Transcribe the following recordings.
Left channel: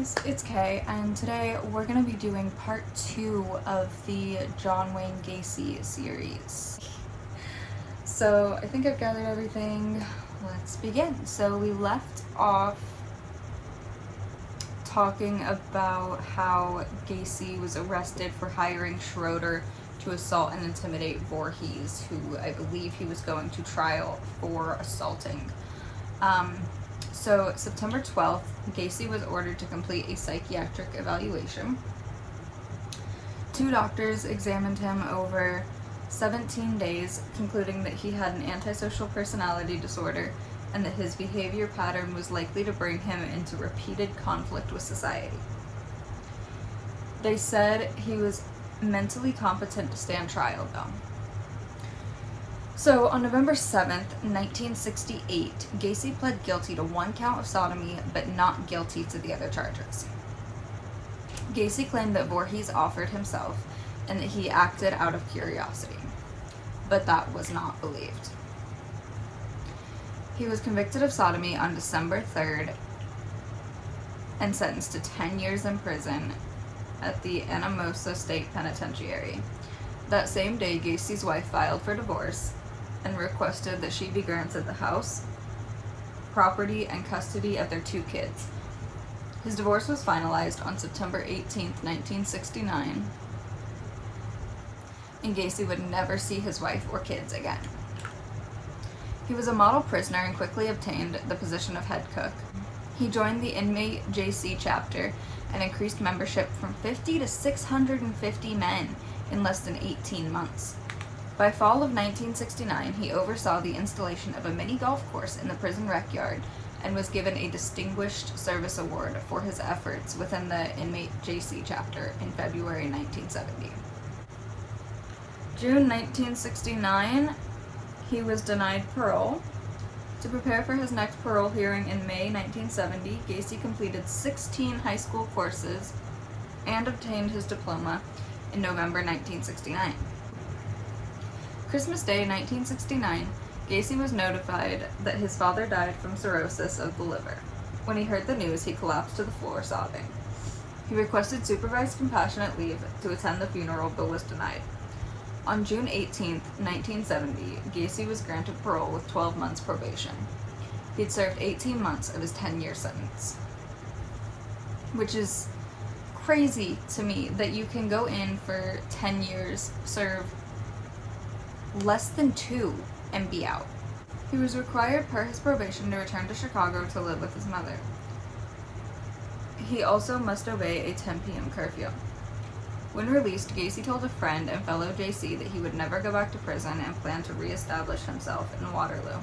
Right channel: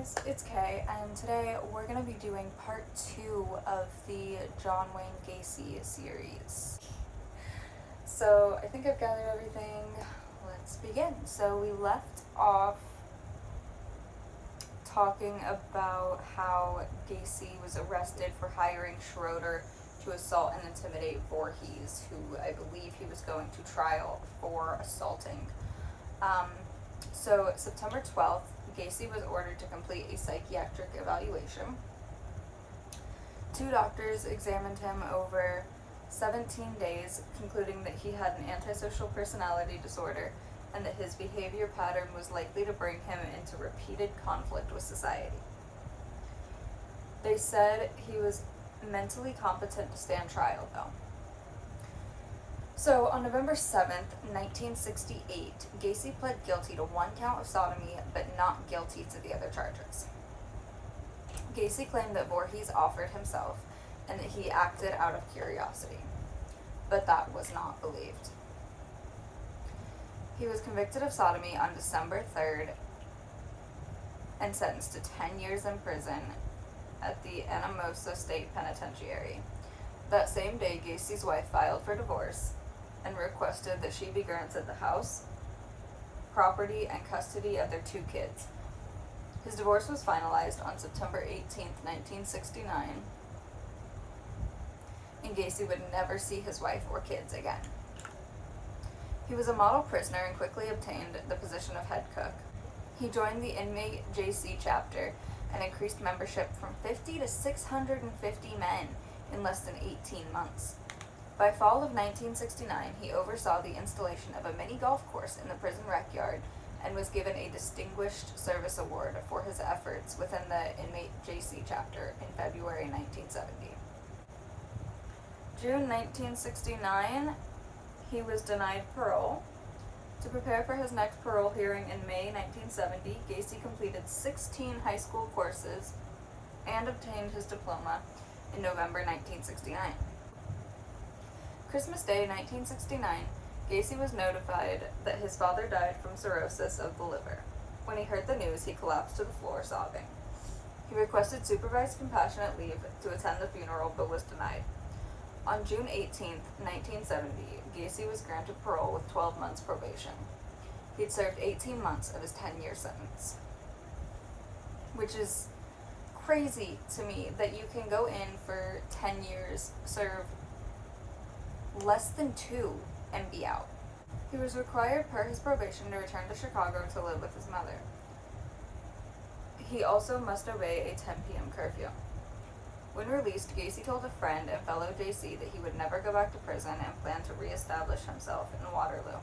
guys, it's Kay, and today we're going to be doing part 2 of the John Wayne Gacy series. So I think I've gathered everything. Let's begin. So we left off talking about how Gacy was arrested for hiring Schroeder to assault and intimidate Voorhees, who I believe he was going to trial for assaulting. So September 12th, Gacy was ordered to complete a psychiatric evaluation. 2 doctors examined him over 17 days, concluding that he had an antisocial personality disorder and that his behavior pattern was likely to bring him into repeated conflict with society. They said he was mentally competent to stand trial, though. So, on November 7th, 1968, Gacy pled guilty to 1 count of sodomy, but not guilty to the other charges. Gacy claimed that Voorhees offered himself and that he acted out of curiosity, but that was not believed. He was convicted of sodomy on December 3rd and sentenced to 10 years in prison at the Anamosa State Penitentiary. That same day, Gacy's wife filed for divorce and requested that she be granted the house, property, and custody of their 2 kids. His divorce was finalized on September 18th, 1969, and Gacy would never see his wife or kids again. He was a model prisoner and quickly obtained the position of head cook. He joined the inmate JC chapter and increased membership from 50 to 650 men in less than 18 months. By fall of 1969, he oversaw the installation of a mini golf course in the prison rec yard and was given a Distinguished Service Award for his efforts within the inmate JC chapter in February 1970. June 1969, he was denied parole. To prepare for his next parole hearing in May 1970, Gacy completed 16 high school courses and obtained his diploma in November 1969. Christmas Day 1969, Gacy was notified that his father died from cirrhosis of the liver. When he heard the news, he collapsed to the floor sobbing. He requested supervised compassionate leave to attend the funeral, but was denied. On June 18, 1970, Gacy was granted parole with 12 months probation. He'd served 18 months of his 10-year sentence, which is crazy to me that you can go in for 10 years, serve less than 2, and be out. He was required per his probation to return to Chicago to live with his mother. He also must obey a 10 p.m. curfew. When released, Gacy told a friend and fellow JC that he would never go back to prison and planned to reestablish himself in Waterloo.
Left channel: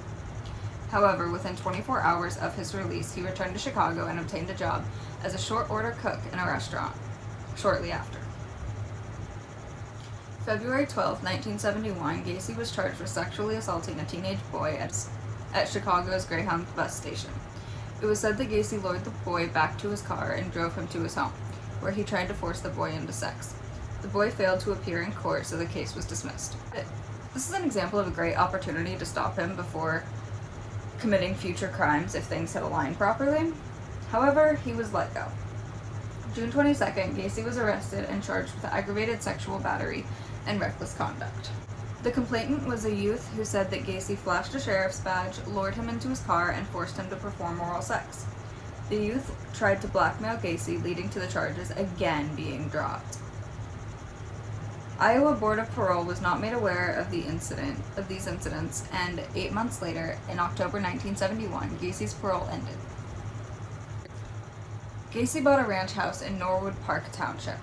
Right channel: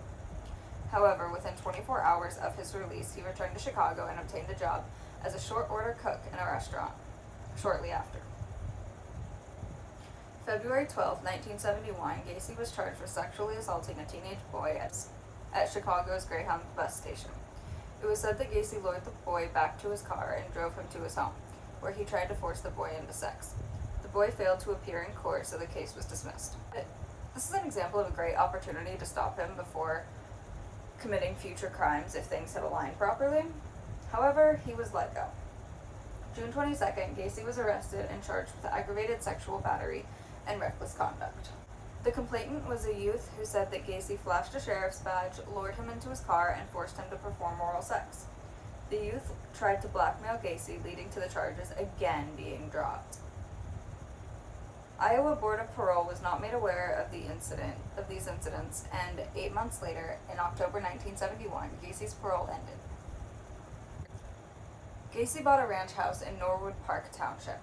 However, within 24 hours of his release, he returned to Chicago and obtained a job as a short-order cook in a restaurant shortly after. February 12, 1971, Gacy was charged with sexually assaulting a teenage boy at Chicago's Greyhound bus station. It was said that Gacy lured the boy back to his car and drove him to his home, where he tried to force the boy into sex. The boy failed to appear in court, so the case was dismissed. This is an example of a great opportunity to stop him before committing future crimes if things had aligned properly. However, he was let go. June 22nd, Gacy was arrested and charged with aggravated sexual battery and reckless conduct. The complainant was a youth who said that Gacy flashed a sheriff's badge, lured him into his car, and forced him to perform oral sex. The youth tried to blackmail Gacy, leading to the charges again being dropped. Iowa Board of Parole was not made aware of these incidents, and 8 months later, in October 1971, Gacy's parole ended. Gacy bought a ranch house in Norwood Park Township,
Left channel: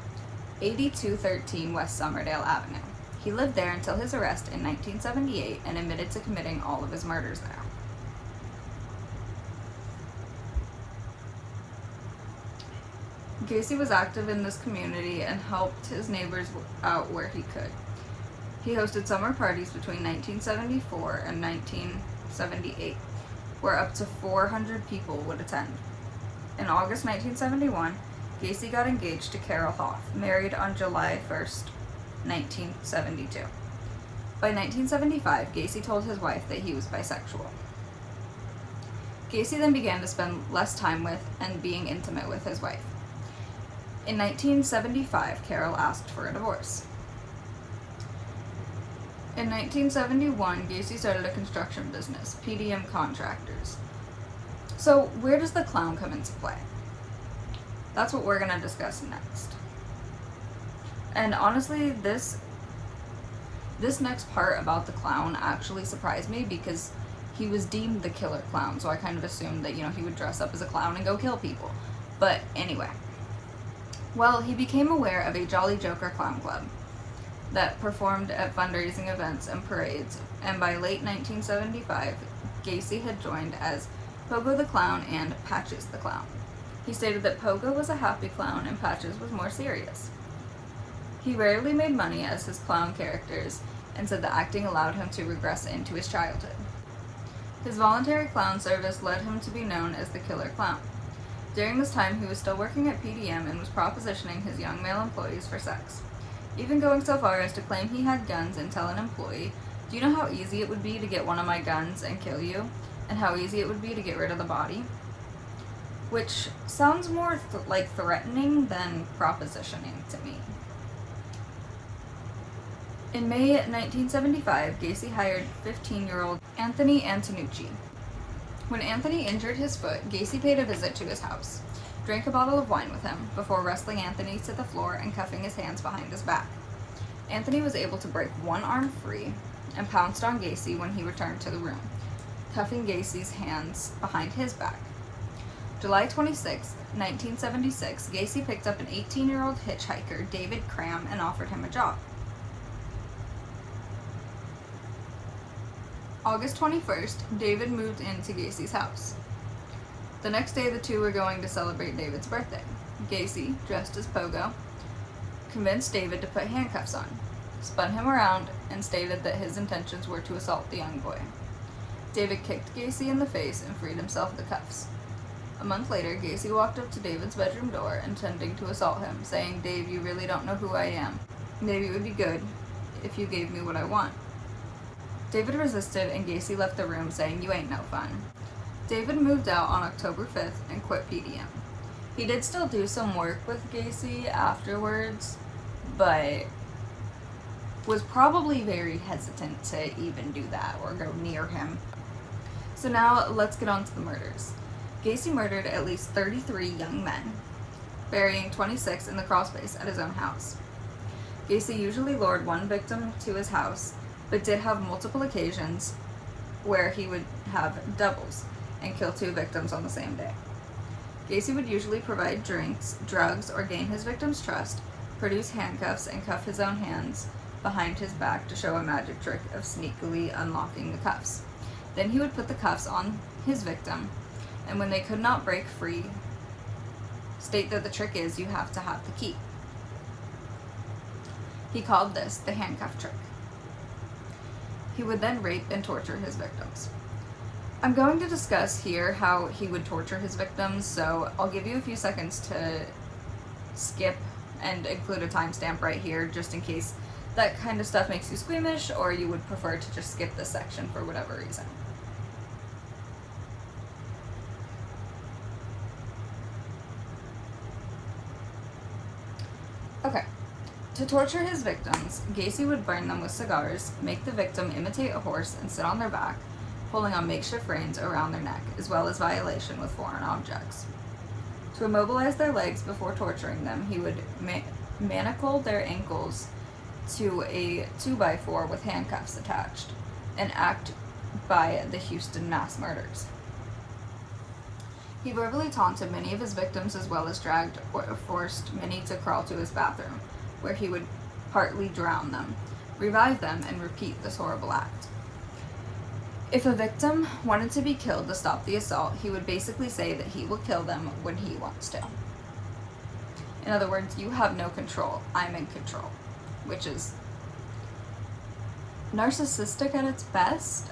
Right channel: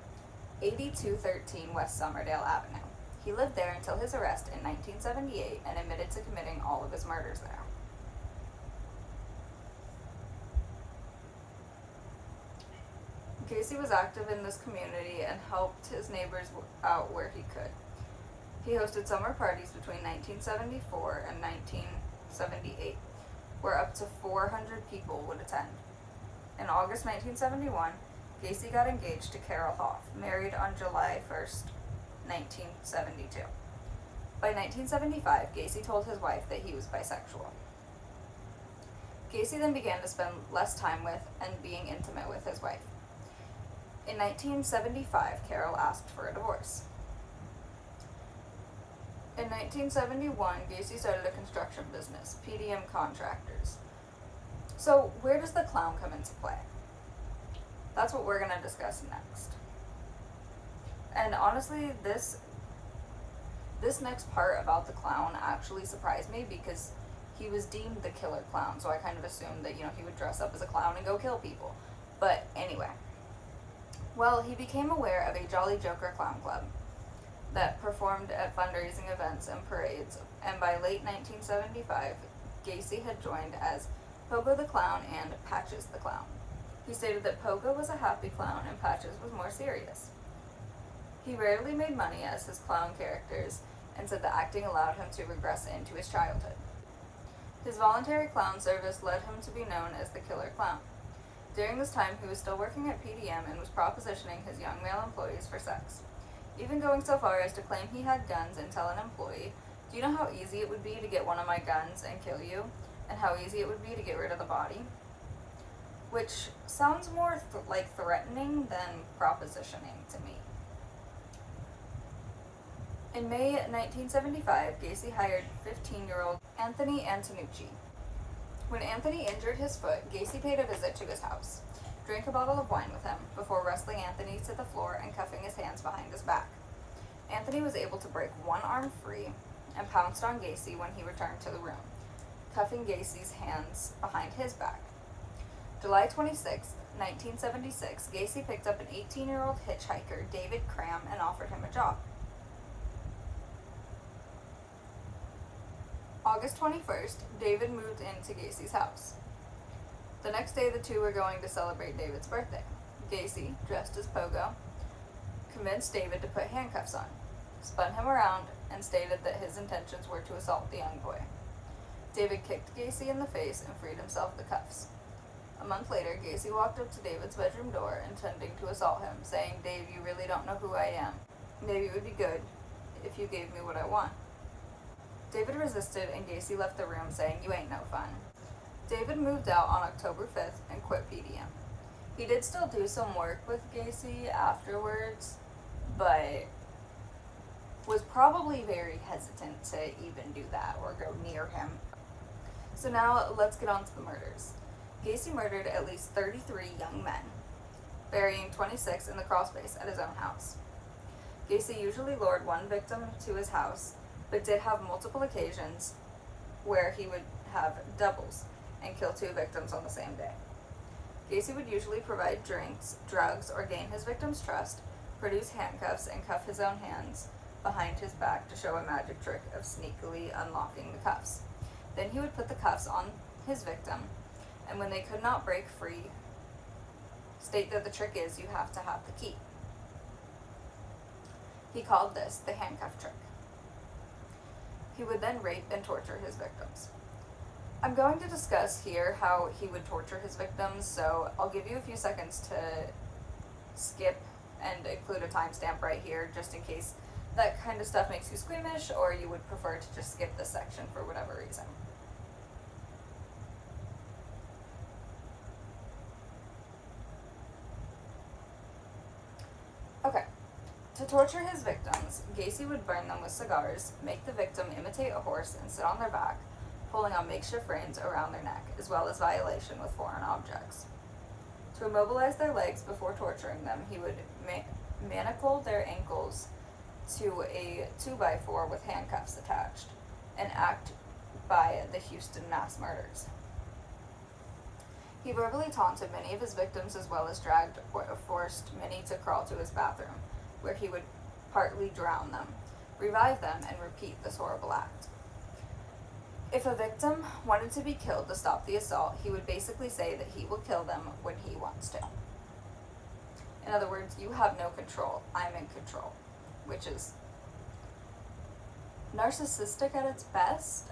8213 West Somerdale Avenue. He lived there until his arrest in 1978 and admitted to committing all of his murders there. Gacy was active in this community and helped his neighbors out where he could. He hosted summer parties between 1974 and 1978, where up to 400 people would attend. In August 1971, Gacy got engaged to Carol Hoff, married on July 1st, 1972. By 1975, Gacy told his wife that he was bisexual. Gacy then began to spend less time with and being intimate with his wife. In 1975, Carol asked for a divorce. In 1971, Gacy started a construction business, PDM Contractors. So, where does the clown come into play? That's what we're going to discuss next. And honestly, this next part about the clown actually surprised me because he was deemed the killer clown, so I kind of assumed that, he would dress up as a clown and go kill people. But anyway. Well, he became aware of a Jolly Joker Clown Club that performed at fundraising events and parades, and by late 1975, Gacy had joined as Pogo the Clown and Patches the Clown. He stated that Pogo was a happy clown and Patches was more serious. He rarely made money as his clown characters, and said that acting allowed him to regress into his childhood. His voluntary clown service led him to be known as the Killer Clown. During this time, he was still working at PDM and was propositioning his young male employees for sex, even going so far as to claim he had guns and tell an employee, "Do you know how easy it would be to get one of my guns and kill you, and how easy it would be to get rid of the body?" Which sounds more like threatening than propositioning to me. In May 1975, Gacy hired 15-year-old Anthony Antonucci. When Anthony injured his foot, Gacy paid a visit to his house, drank a bottle of wine with him, before wrestling Anthony to the floor and cuffing his hands behind his back. Anthony was able to break one arm free and pounced on Gacy when he returned to the room, cuffing Gacy's hands behind his back. July 26, 1976, Gacy picked up an 18-year-old hitchhiker, David Cram, and offered him a job. August 21st, David moved into Gacy's house. The next day, the two were going to celebrate David's birthday. Gacy, dressed as Pogo, convinced David to put handcuffs on, spun him around, and stated that his intentions were to assault the young boy. David kicked Gacy in the face and freed himself of the cuffs. A month later, Gacy walked up to David's bedroom door, intending to assault him, saying, "Dave, you really don't know who I am. Maybe it would be good if you gave me what I want." David resisted, and Gacy left the room, saying, "You ain't no fun." David moved out on October 5th and quit PDM. He did still do some work with Gacy afterwards, but was probably very hesitant to even do that or go near him. So now let's get on to the murders. Gacy murdered at least 33 young men, burying 26 in the crawlspace at his own house. Gacy usually lured one victim to his house, but did have multiple occasions where he would have doubles and kill 2 victims on the same day. Gacy would usually provide drinks, drugs, or gain his victim's trust, produce handcuffs, and cuff his own hands behind his back to show a magic trick of sneakily unlocking the cuffs. Then he would put the cuffs on his victim, and when they could not break free, state that the trick is you have to have the key. He called this the handcuff trick. He would then rape and torture his victims. I'm going to discuss here how he would torture his victims, so I'll give you a few seconds to skip and include a timestamp right here, just in case that kind of stuff makes you squeamish, or you would prefer to just skip this section for whatever reason. Okay. To torture his victims, Gacy would burn them with cigars, make the victim imitate a horse and sit on their back, pulling on makeshift reins around their neck, as well as violation with foreign objects. To immobilize their legs before torturing them, he would manacle their ankles to a 2x4 with handcuffs attached, an act by the Houston mass murders. He verbally taunted many of his victims, as well as dragged or forced many to crawl to his bathroom, where he would partly drown them, revive them, and repeat this horrible act. If a victim wanted to be killed to stop the assault, he would basically say that he will kill them when he wants to. In other words, you have no control, I'm in control, which is narcissistic at its best.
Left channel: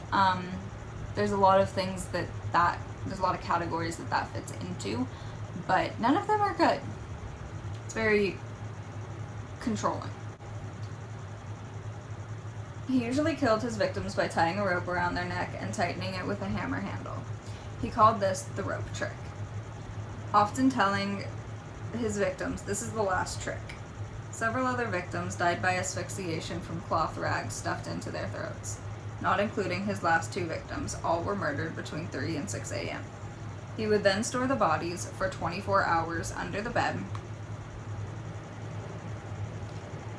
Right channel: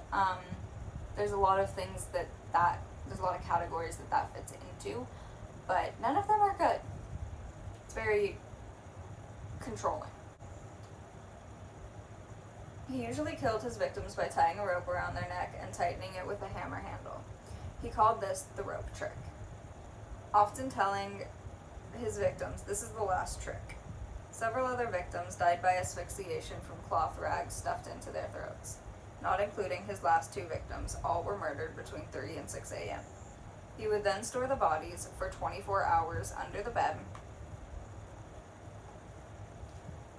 There's a lot of things there's a lot of categories that fits into, but none of them are good. It's very controlling. He usually killed his victims by tying a rope around their neck and tightening it with a hammer handle. He called this the rope trick, often telling his victims, this is the last trick. Several other victims died by asphyxiation from cloth rags stuffed into their throats, not including his last two victims. All were murdered between 3 and 6 a.m. He would then store the bodies for 24 hours under the bed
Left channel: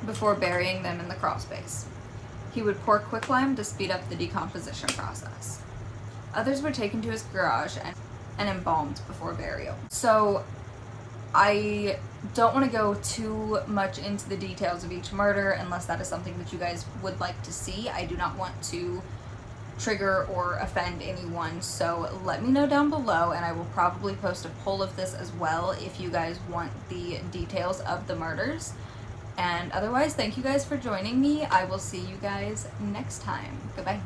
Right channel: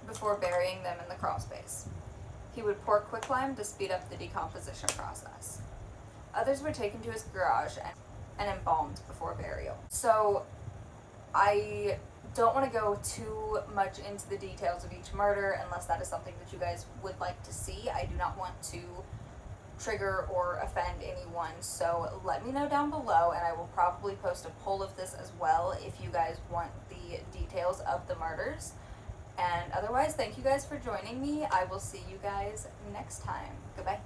before burying them in the crawl space. He would pour quicklime to speed up the decomposition process. Others were taken to his garage and embalmed before burial. So I don't want to go too much into the details of each murder unless that is something that you guys would like to see. I do not want to trigger or offend anyone, so let me know down below, and I will probably post a poll of this as well if you guys want the details of the murders. And otherwise, thank you guys for joining me. I will see you guys next time. Goodbye.